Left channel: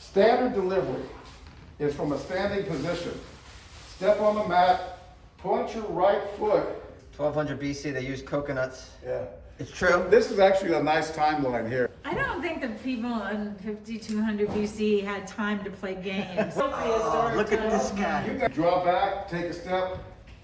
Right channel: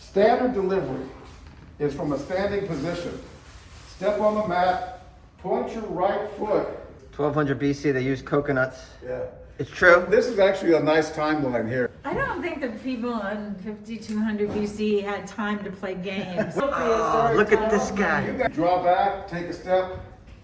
Standard delivery is from a standing position. Step on the mat, point your right foot. 1200 BC, they used coconuts. Yeah. It's true. This is actually a nice timeline here. I don't think the people in 5200 BC had time to play games. Oh, look at this guy. Draw back, take a step,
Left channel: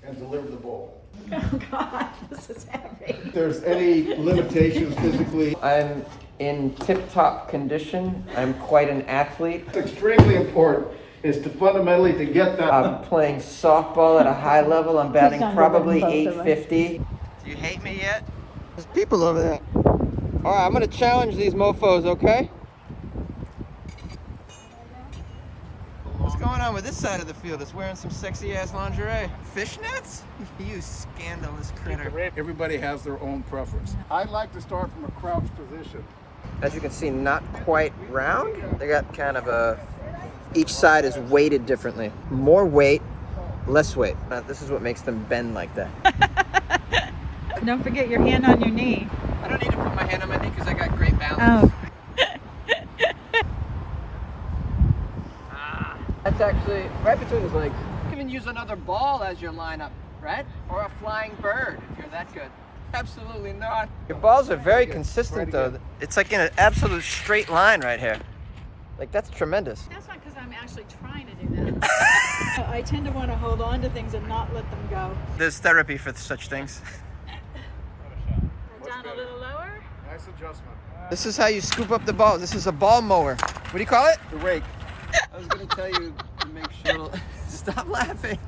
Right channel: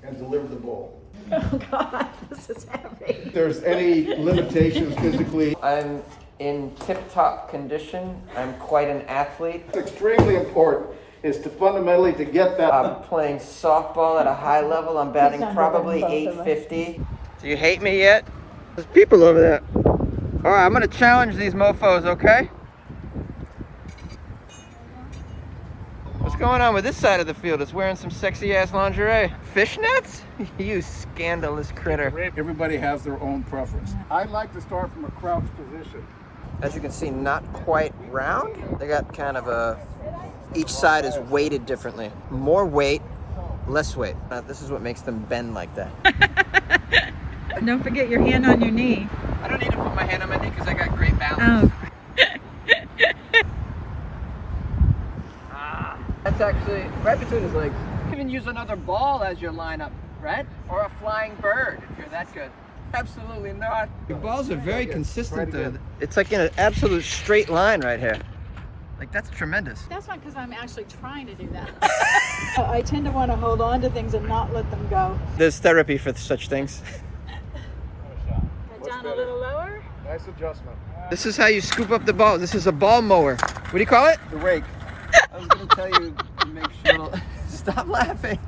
and deliver the bowl. Oh God, this is heavy. If there's any limitations physically, I'm in tip-top condition. I'm quite an athlete. it's extremely important is to fundamentally to get that. I'm playing softball at a high level. I'm batting probably 850. Do you hate me yet? There's people over there. All right, I'm gonna challenge these mofos, okay? What's going on with this side of the field? It's wearing some sexy ass lingerie. Fishnets? You scandalous critter. Everybody has their own preference. I like to start from a crouch position. As you can see, not quite round. They got kind of a, each side is weighted differently. More weight, less weight. This is what makes them bend like that. Don't forget your hand on your knee. I don't need to put my hand on my knee because I got great balance. Oh. That's actually right between his legs. You can even use another ball as your lineup, right? Or a flying bird if you're that good. Absolutely not. Your balls are very consistent though. It's like in an absolute straight line right here. Like that's tremendous. That's not because I'm actually trying to do that. I tend to want to hold on to things and not let them go. There's therapy for such things. Down a little lower. Nice adjustment. This is how you scoop up the ball. This is a ball mower. What do you call it? The rake. I was gonna tell you to make sure. Stop laughing.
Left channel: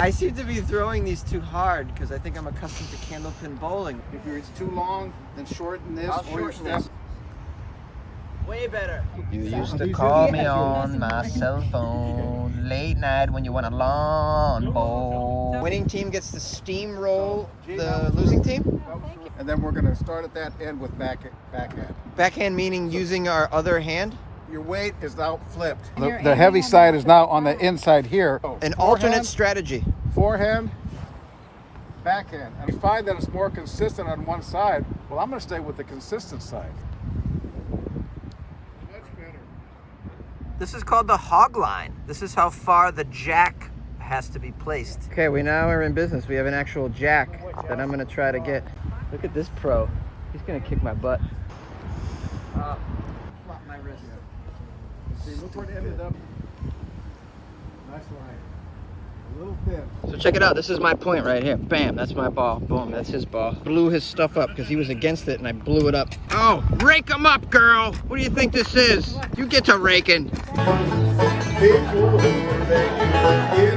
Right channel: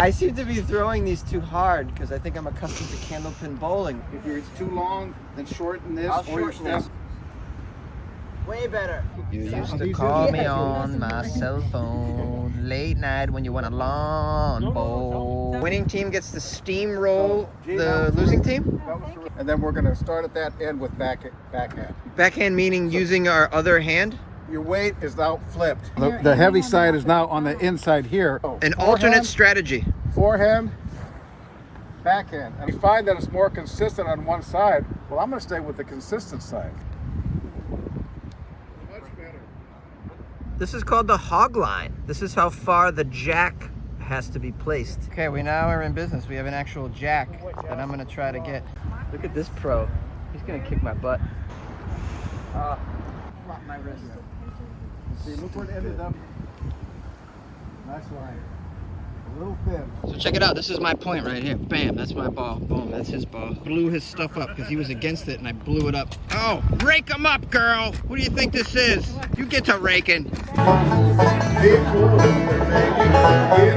I seem to be throwing these too hard because I think I'm accustomed to candlepin bowling. If it's too long, then shorten this I'll or your shorten step. this. Way better. You used to call me on my cell phone late night when you want a lawn bowl. Winning team gets to steamroll the losing team. And then we're gonna start at that end with backhand. Backhand meaning using our other hand. Your weight is now flipped. The heavy side is now on the inside here. An alternate strategy. Forehand, backhand. And you find that it's more consistent on one side. Well, I'm gonna stay with the consistent side. Much better. This is called the hog line. This is how far the jack has to be placed. Okay, we now are in business. We have an actual jack that I'm gonna try to get. Look at this pro. He's gonna kick my butt. Flop my wrist. See, look where it ended up. Nice line. A little thin. So check it out. This is my point right here. Bam, that's my ball. Boom, that's his ball. Blew his stuff up because he was against it and I blew it up. Oh, rake him up, girl. What do you think this is? You get to raking. People, they get